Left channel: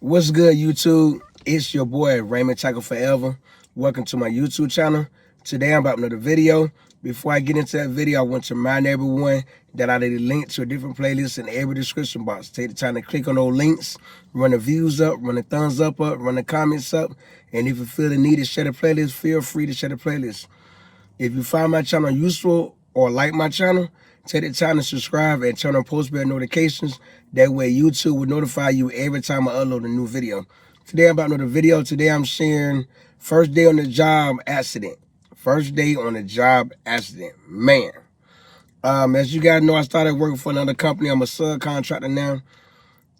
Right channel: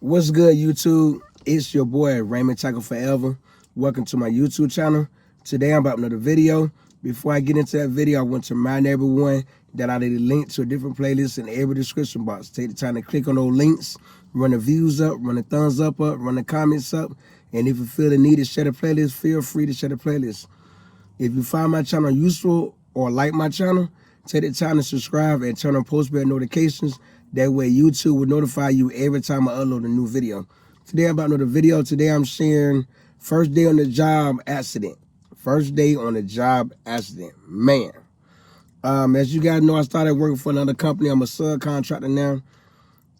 What's good, YouTube? It's your boy, Raymondtacular Forever. Welcome to my YouTube channel. Today, I'm about another video. Before I get into that video, I want to remind everyone that I did a link to a different playlist in every description box. Take the time to click on those links, run the views up, run the thumbs up, run the comments up, and if you feel the need to share the playlist, feel free to share the playlist. If you find my channel useful or like my channel, take the time to subscribe and turn on post bell notifications. That way YouTube will notify you every time I upload a new video. Today I'm about another video. Today I'm sharing first day on the job accident. First day on the job accident. Man. As you guys know, I started working for another company. I'm a subcontractor now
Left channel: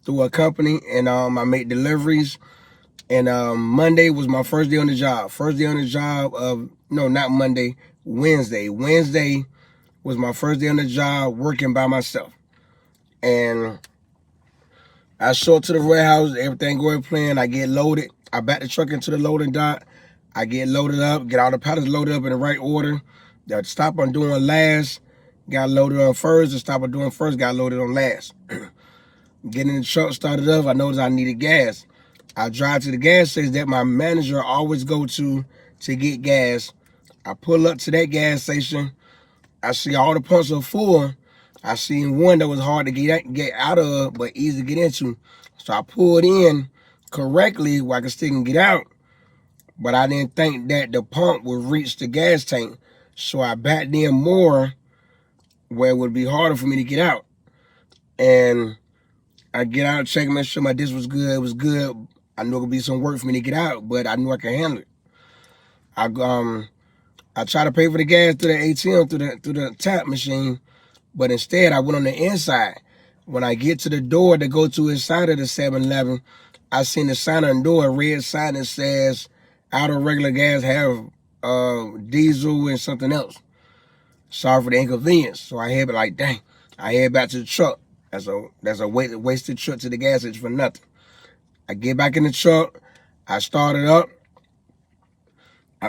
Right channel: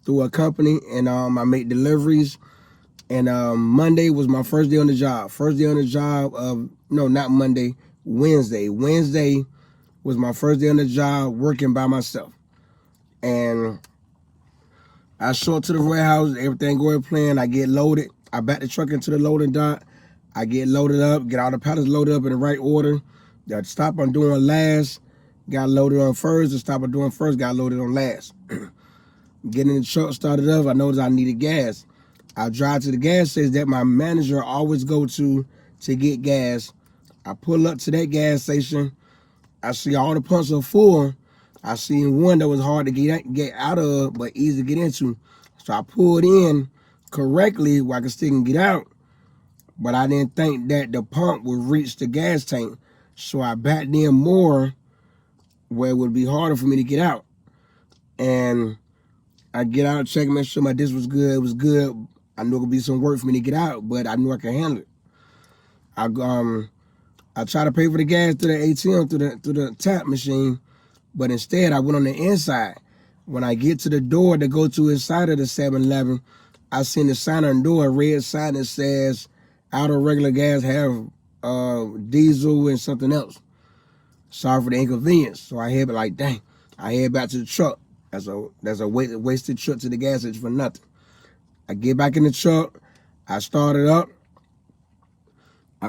through a company, and I make deliveries. And Monday was my first day on the job. First day on the job of, no, not Monday, Wednesday. Wednesday was my first day on the job working by myself. And I show up to the warehouse, everything going plan. I get loaded. I back the truck into the loading dock. I get loaded up, get all the pallets loaded up in the right order. The stop I'm doing last got loaded on first. The stop I'm doing first got loaded on last. Getting the truck started up, I noticed I needed gas. I drive to the gas station that my manager always go to get gas. I pull up to that gas station. I see all the pumps are full. I seen one that was hard to get out of, but easy to get into. So I pulled in correctly where I could still get out. But I didn't think that the pump would reach the gas tank. So I backed in more where it would be harder for me to get out. And I get out, check, make sure my disc was good. It was good. I knew it would be some work for me to get out, but I knew I could handle it. I tried to pay for the gas through the ATM, through the tap machine, but instead I went on the inside. When I get to the door to go to inside of the 7-Eleven, I seen the sign on the door, a red sign that says, out of regular gas, have diesel and something else. Sorry for the inconvenience. So I head like, dang, I head back to the truck. That's a wasted trip to the gas station for nothing. I get back in the truck. I start it up. I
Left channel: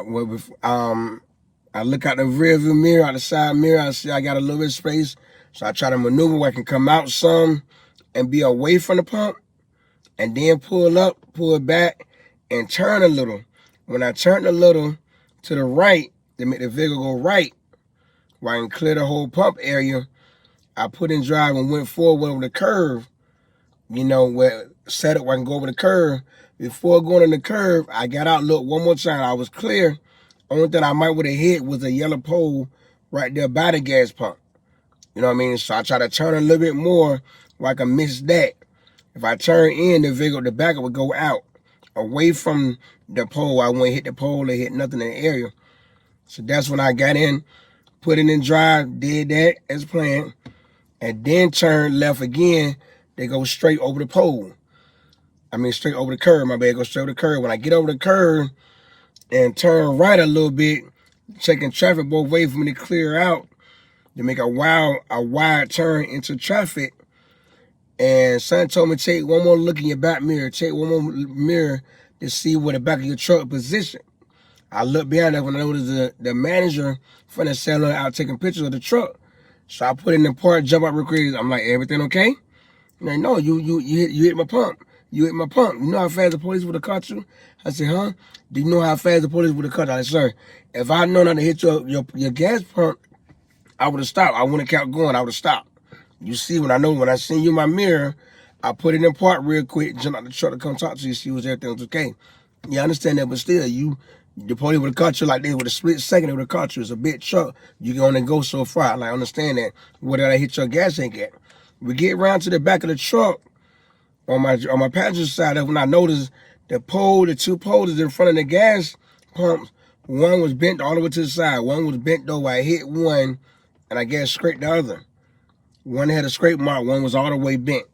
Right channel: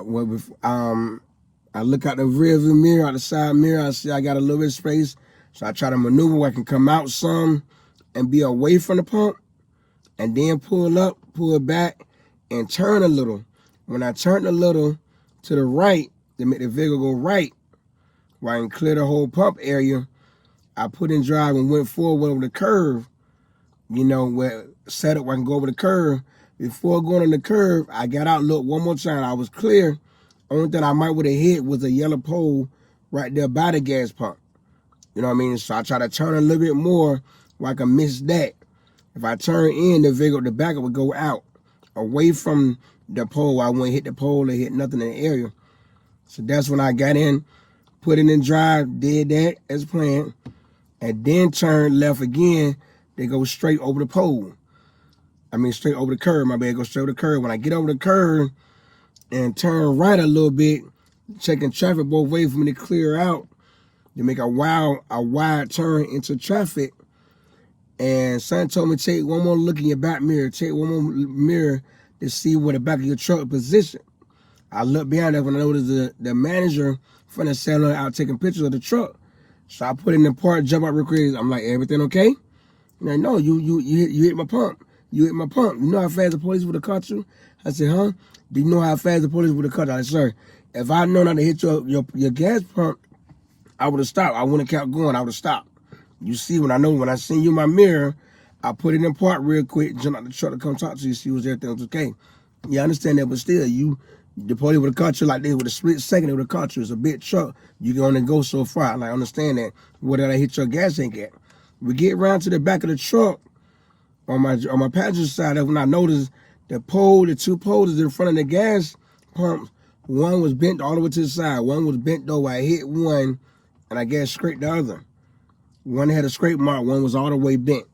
look out the rearview mirror, out the side mirror. I see I got a little bit of space. So I try to maneuver where I can come out some and be away from the pump, and then pull up, pull back, and turn a little. When I turned a little to the right, to make the vehicle go right, where I can clear the whole pump area, I put in drive and went forward over the curve, where set up where I can go over the curve. Before going on the curve, I got out, looked one more time. I was clear. Only thing I might would have hit was a yellow pole right there by the gas pump. You know what I mean? So I try to turn a little bit more where I can miss that. If I turn in, the vehicle, the back would go out, away from the pole. I wouldn't hit the pole or hit nothing in the area. So that's when I got in, put it in drive, did that as planned, and then turned left again. They go straight over the pole. I mean, straight over the curve. My bad, go straight over the curve. When I get over the curve and turn right a little bit, checking traffic both ways for me to clear out, to make a wide turn into traffic. And son told me, take one more look in your back mirror. Take one more mirror to see where the back of your truck position. I looked behind that when I noticed the manager from the seller out taking pictures of the truck. So I put in the part, jump out real quick. I'm like, everything okay? Like, no, you hit my pump. You hit my pump. You know how fast the police would have caught you? I said, huh? Do you know how fast the police would have caught you? I said, sir, if I known how to hit your gas pump, I would have stopped. I wouldn't have kept going. I would have stopped. You see, when I seen you in my mirror, I put it in park real quick, jump out the truck to come talk to you, see if everything was okay. Yeah, I understand that, but still, the police would have caught you like this with a split second. They would have caught you. It's a big truck. You can only go so far. Like, I understand that. Where did I hit your gas tank at? We get around to the back of the truck on my passenger side. That's when I noticed the two poles in front of the gas pumps. One was bent all the way to the side. One was bent over. I hit one, and I guess scraped the other. One had a scrape mark. One was all the way bent.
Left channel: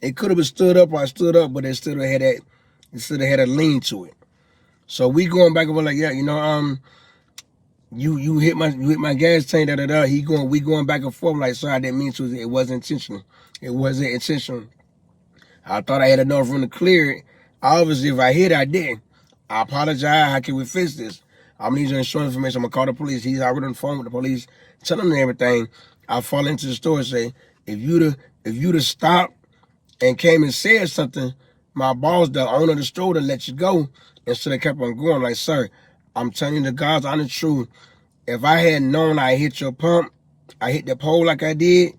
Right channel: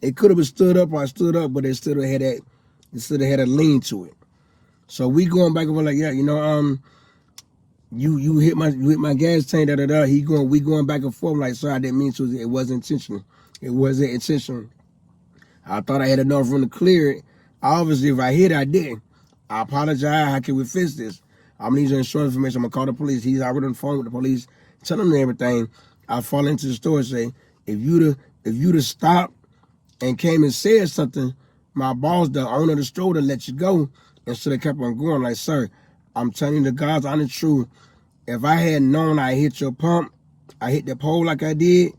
It could have been stood up, or I stood up, but it still had a lean to it. So we going back and we're like, yeah, you hit my gas tank, we going back and forth. I'm like, sorry, I didn't mean to. It wasn't intentional. It wasn't intentional. I thought I had enough room to clear it. Obviously, if I hit it, I didn't. I apologize. How can we fix this? I'm gonna need your insurance information. I'm gonna call the police. He's already on the phone with the police, telling them everything. I fall into the store and say, if you'd have stopped and came and said something, my boss, the owner of the store, to let you go instead of kept on going. Like, sir, I'm telling you the God's honest truth. If I had known I hit your pump, I hit the pole like I did,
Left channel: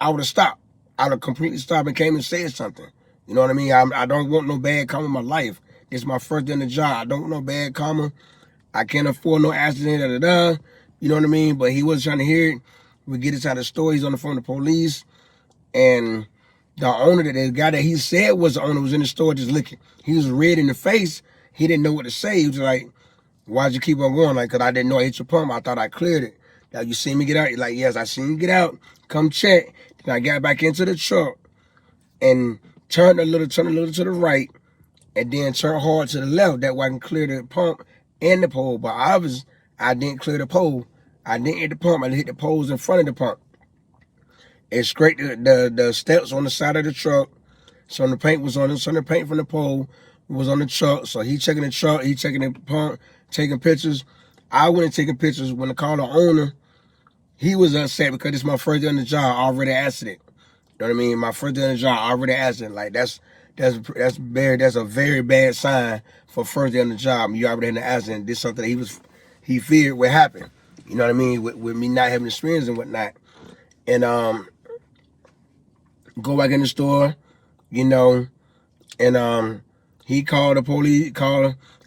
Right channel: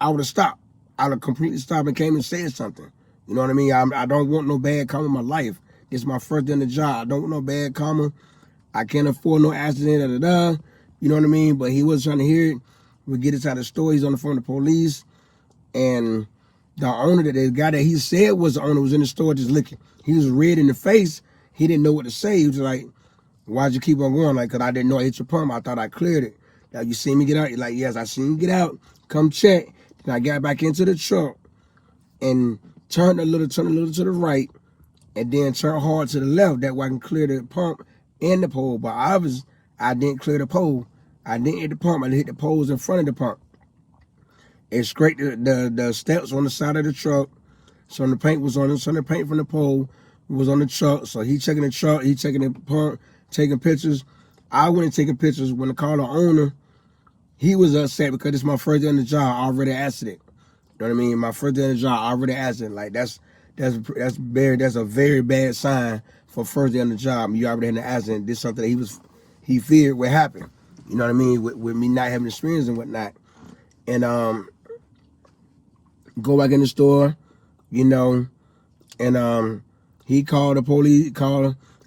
I would have stopped. I would have completely stopped and came and said something. You know what I mean? I don't want no bad karma in my life. This is my first day in the job. I don't want no bad karma. I can't afford no accident, da-da-da. You know what I mean? But he wasn't trying to hear it. We get inside the store. He's on the phone with the police. And the owner, the guy that he said was the owner, was in the store just looking. He was red in the face. He didn't know what to say. He was like, why'd you keep on going? Like, because I didn't know I hit your pump. I thought I cleared it. Now, you see me get out? He's like, yes, I seen you get out. Come check. Then I got back into the truck and turned a little to the right, and then turned hard to the left. That way I can clear the pump and the pole. But I didn't clear the pole. I didn't hit the pump. I hit the poles in front of the pump. It scraped the steps on the side of the truck. So the paint was on it. So the paint from the pole was on the truck. So he checking the truck. He checking the pump, taking pictures. I went and taking pictures. When I called the owner, he was upset because it's my first day on the job. I already asked it. You know what I mean? My first day on the job, I already asked it. Like, that's a very bad sign for first day on the job. You already had an accident. This is something that he feared would happen. You know what I mean? With me not having experience and whatnot. And go back in the store, you know, and he called the police,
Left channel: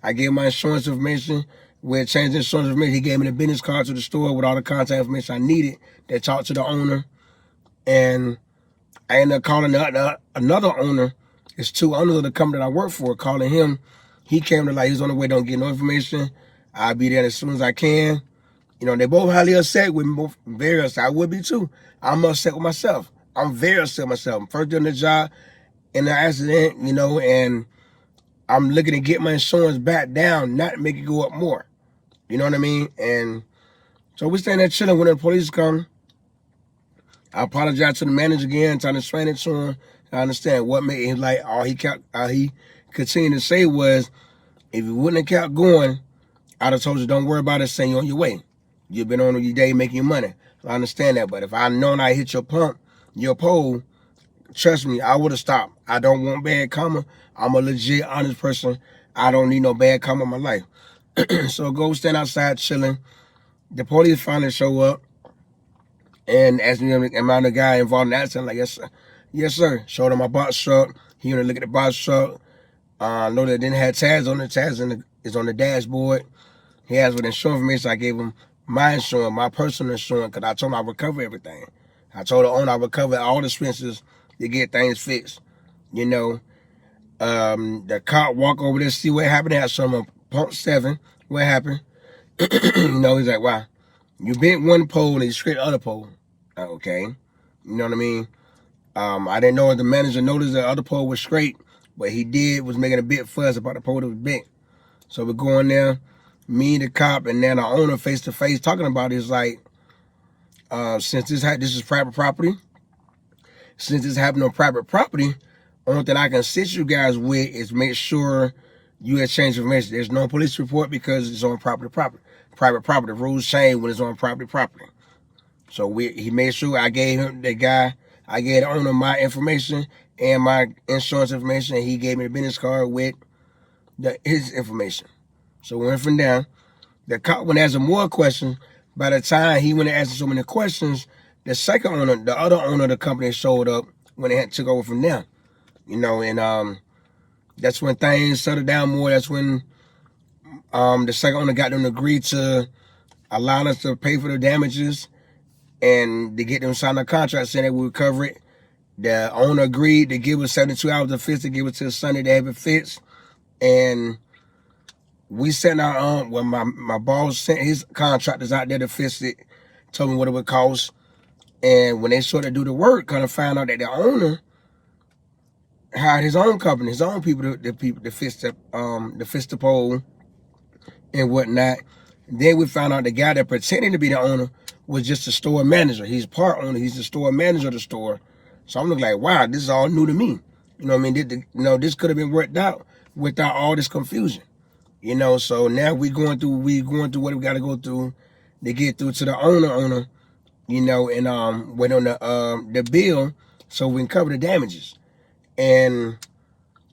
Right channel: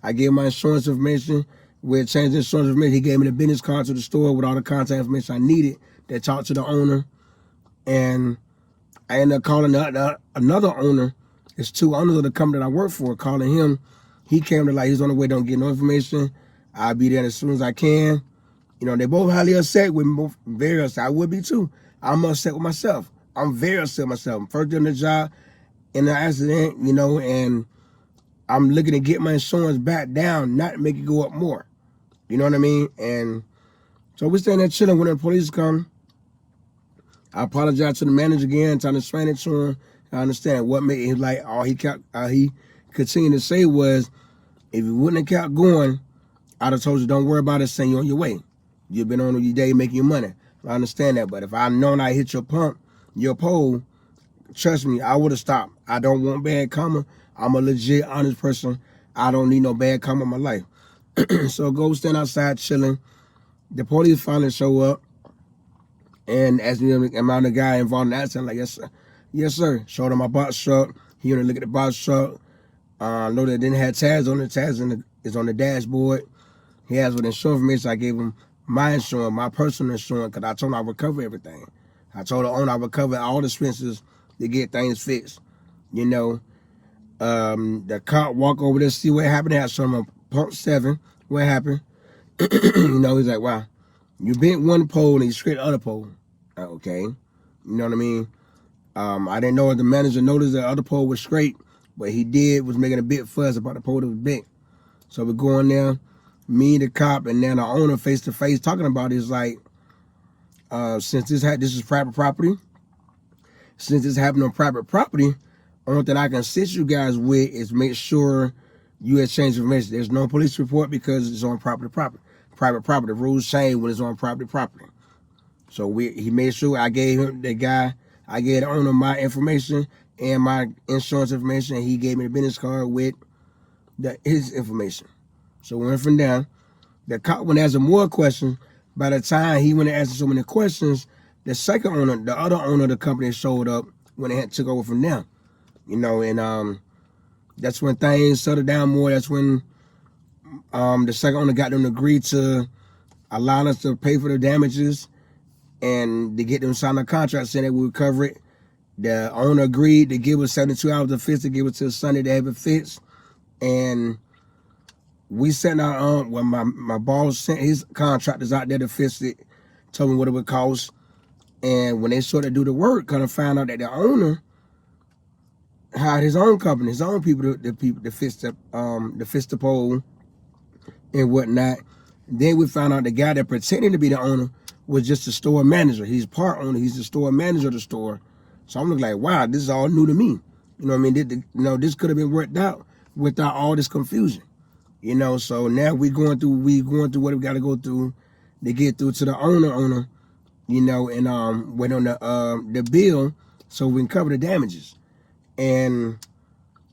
I gave my insurance information. We changed the insurance information. He gave me the business card to the store with all the contact information I needed that talked to the owner. And I ended up calling another owner. It's two owners of the company that I work for, calling him. He came to, like, he's on the way, don't get no information. I'll be there as soon as I can. You know, they both highly upset with me, both very upset. I would be too. I'm upset with myself. I'm very upset with myself. First day on the job, in the accident, you know, and I'm looking to get my insurance back down, not make it go up more. You know what I mean? And so we staying there chilling when the police come. I apologize to the manager again, trying to explain it to him. I understand what made him, like, all he continued to say was, if you wouldn't have kept going, I'd have told you, don't worry about it, send you on your way. You've been on your day making your money. I understand that, but if I known I hit your pump, your pole, trust me, I would have stopped. I don't want bad karma. I'm a legit, honest person. I don't need no bad karma in my life. So go stand outside chilling. The police finally show up and asked me, am I the guy involved in the accident? Like, yes, sir. Yes, sir. Showed him my box truck. He went to look at the box truck. Know that it didn't have tags on it. Tags is on the dashboard. He asked for the insurance information. So I gave him my insurance, my personal insurance, because I told him I would cover everything. I told the owner I would cover all the expenses to get things fixed. You know, the cop walk over there, see what happened. I showed him on pump 7. What happened? You know, he's like, wow, you bent one pole and you scraped the other pole. Okay. You know what I mean? I didn't know if the manager noticed the other pole was straight, but he was making a big fuss about the pole that was bent. So we go in there, me, the cop, and then the owner face to face talking about it. Is like, since this is private property, since this happened on private property, only thing I can assist you guys with is make sure you exchange information. There's no police report because it's on private property. The rules change when it's on private property. So he made sure I gave the owner my information and my insurance information, and he gave me the business card with his information. So we went from there. The cop went asking more questions. By the time he went and asked so many questions, the second owner, the other owner of the company showed up when they took over from there. You know, and that's when things settled down more. That's when the second owner got them to agree to allow us to pay for the damages and to get them to sign a contract saying that we would cover it. The owner agreed to give us 72 hours to fix it, give it till Sunday to have it fixed. And we sent our, when my boss sent his contractors out there to fix it, told me what it would cost. And when they started to do the work, kind of found out that the owner hired his own company, his own people to fix the pole and whatnot. Then we found out the guy that pretended to be the owner was just a store manager. He's part owner. He's the store manager of the store. So I'm looking like, wow, this is all new to me. You know what I mean? This could have been worked out without all this confusion. You know, so now we going through what we got to go through to get through to the owner, you know, and wait on the bill so we can cover the damages. And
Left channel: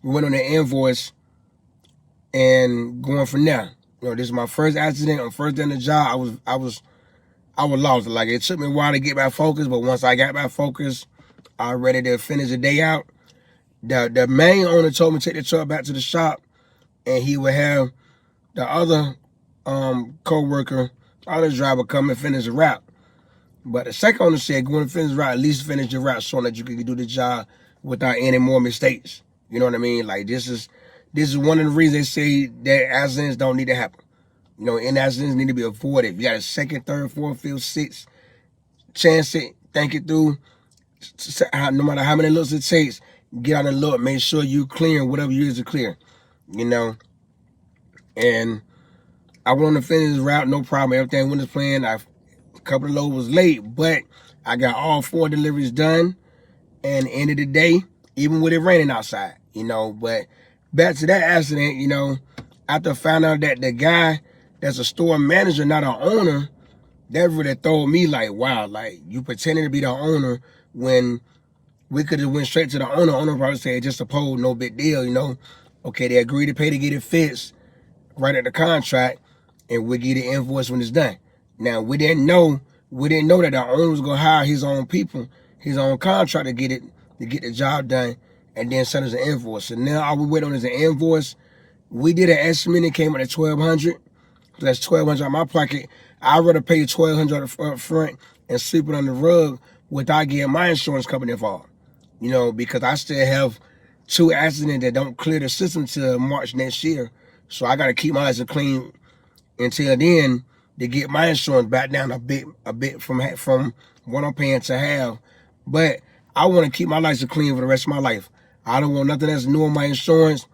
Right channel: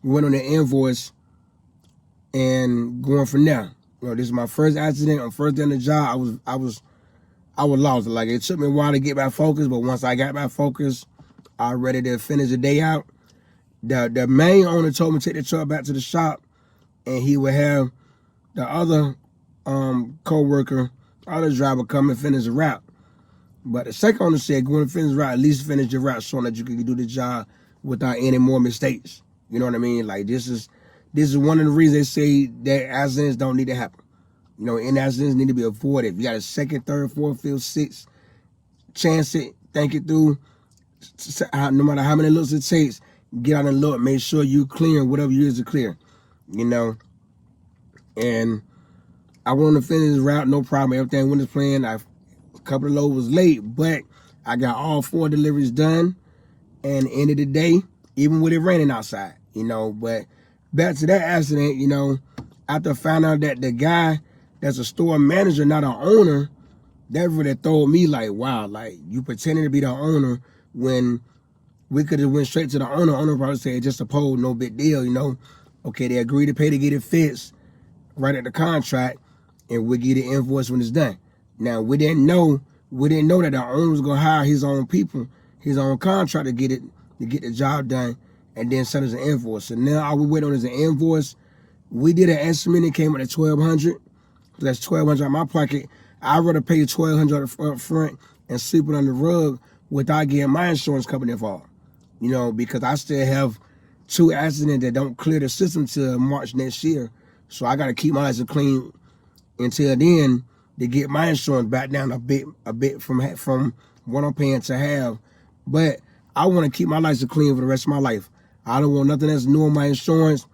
We went on the invoice and going from there. This is my first accident. On first day on the job, I was lost. Like, it took me a while to get back focused, but once I got back focused, I was ready to finish the day out. The main owner told me to take the truck back to the shop, and he would have the other co-worker, other driver, come and finish the route. But the second owner said, go and finish the route, at least finish your route so that you can do the job without any more mistakes. You know what I mean? Like, this is one of the reasons they say that accidents don't need to happen. And accidents need to be avoided. If you got a second, third, fourth, fifth, sixth, chance it, think it through. No matter how many looks it takes, get out and look. Make sure you clear whatever you is to clear. And I went on to finish the route, no problem. Everything went as planned. A couple of loads was late, but I got all 4 deliveries done. And end of the day, even with it raining outside, But back to that accident, after I found out that the guy that's a store manager, not an owner, that really threw me like, wow, like, you pretending to be the owner when we could have went straight to the owner. Owner probably said, just a pole, no big deal, Okay, they agreed to pay to get it fixed, right at the contract, and we'll get the invoice when it's done. Now, we didn't know that the owner was going to hire his own people, his own contract to get the job done, and then send us an invoice. So now all we wait on is an invoice. We did an estimate, it came out at $1,200. That's $1,200 out of my pocket. I'd rather pay $1,200 up front and sweep it on the rug without getting my insurance company involved. Because I still have 2 accidents that don't clear the system till March next year. So I got to keep my license clean until then to get my insurance back down a bit from what I'm paying to have. But I want to keep my license clean for the rest of my life. I don't want nothing that's new on my insurance.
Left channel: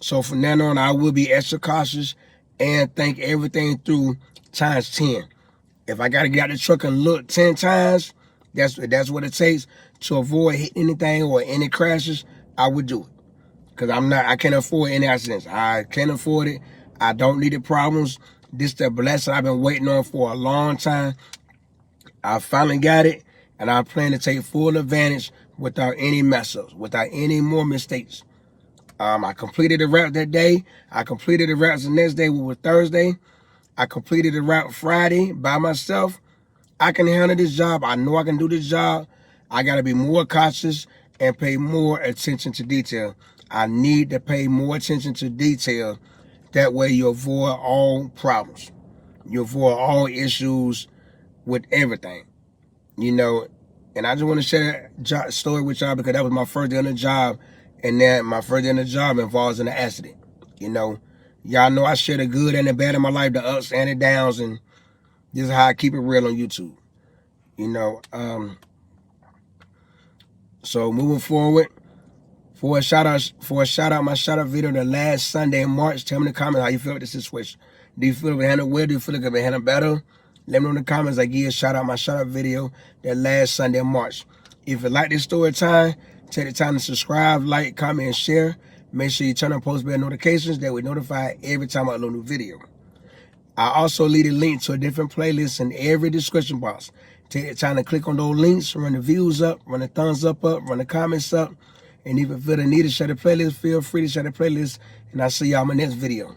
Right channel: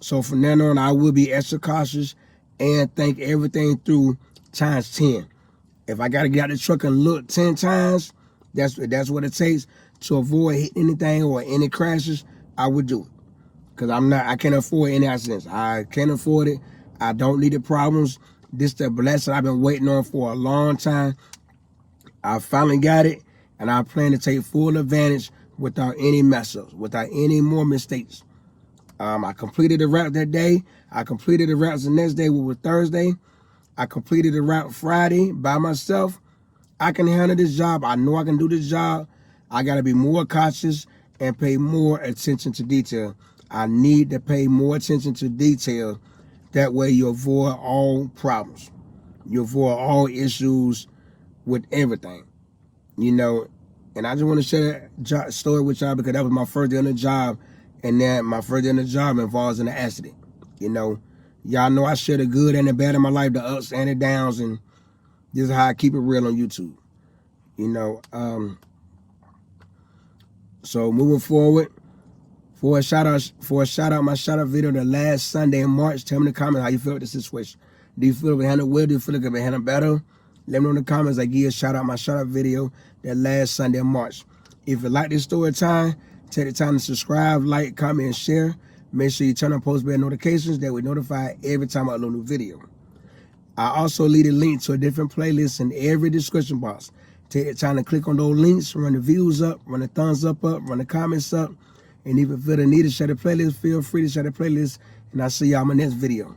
So from then on, I will be extra cautious and think everything through times 10. If I got to get out the truck and look 10 times, that's what it takes to avoid hitting anything or any crashes, I would do it. Because I can't afford any accidents. I can't afford it. I don't need the problems. This is the blessing I've been waiting on for a long time. I finally got it, and I plan to take full advantage without any mess-ups, without any more mistakes. I completed the route that day. I completed the route the next day, which was Thursday. I completed the route Friday by myself. I can handle this job. I know I can do this job. I got to be more cautious and pay more attention to detail. I need to pay more attention to detail. That way you avoid all problems. You avoid all issues with everything. And I just want to share that story with y'all because that was my first day on the job. And then my first day on the job involves an accident. Y'all know I share the good and the bad in my life, the ups and the downs, and this is how I keep it real on YouTube. So moving forward, for a shout out, my shout out video the last Sunday in March. Tell me in the comments how you feel with the situation. Do you feel it handled well? Do you feel it could be handled better? Let me know in the comments. I give you a shout out, my shout out video that last Sunday in March. If you like this story time, take the time to subscribe, like, comment, and share. Make sure you turn on post bell notifications that will notify every time I upload a new video. I also leave a link to a different playlist in every description box. Take the time to click on those links, run the views up, run the thumbs up, run the comments up, and if you feel the need to share the playlist, feel free to share the playlist, and I'll see y'all in my next video.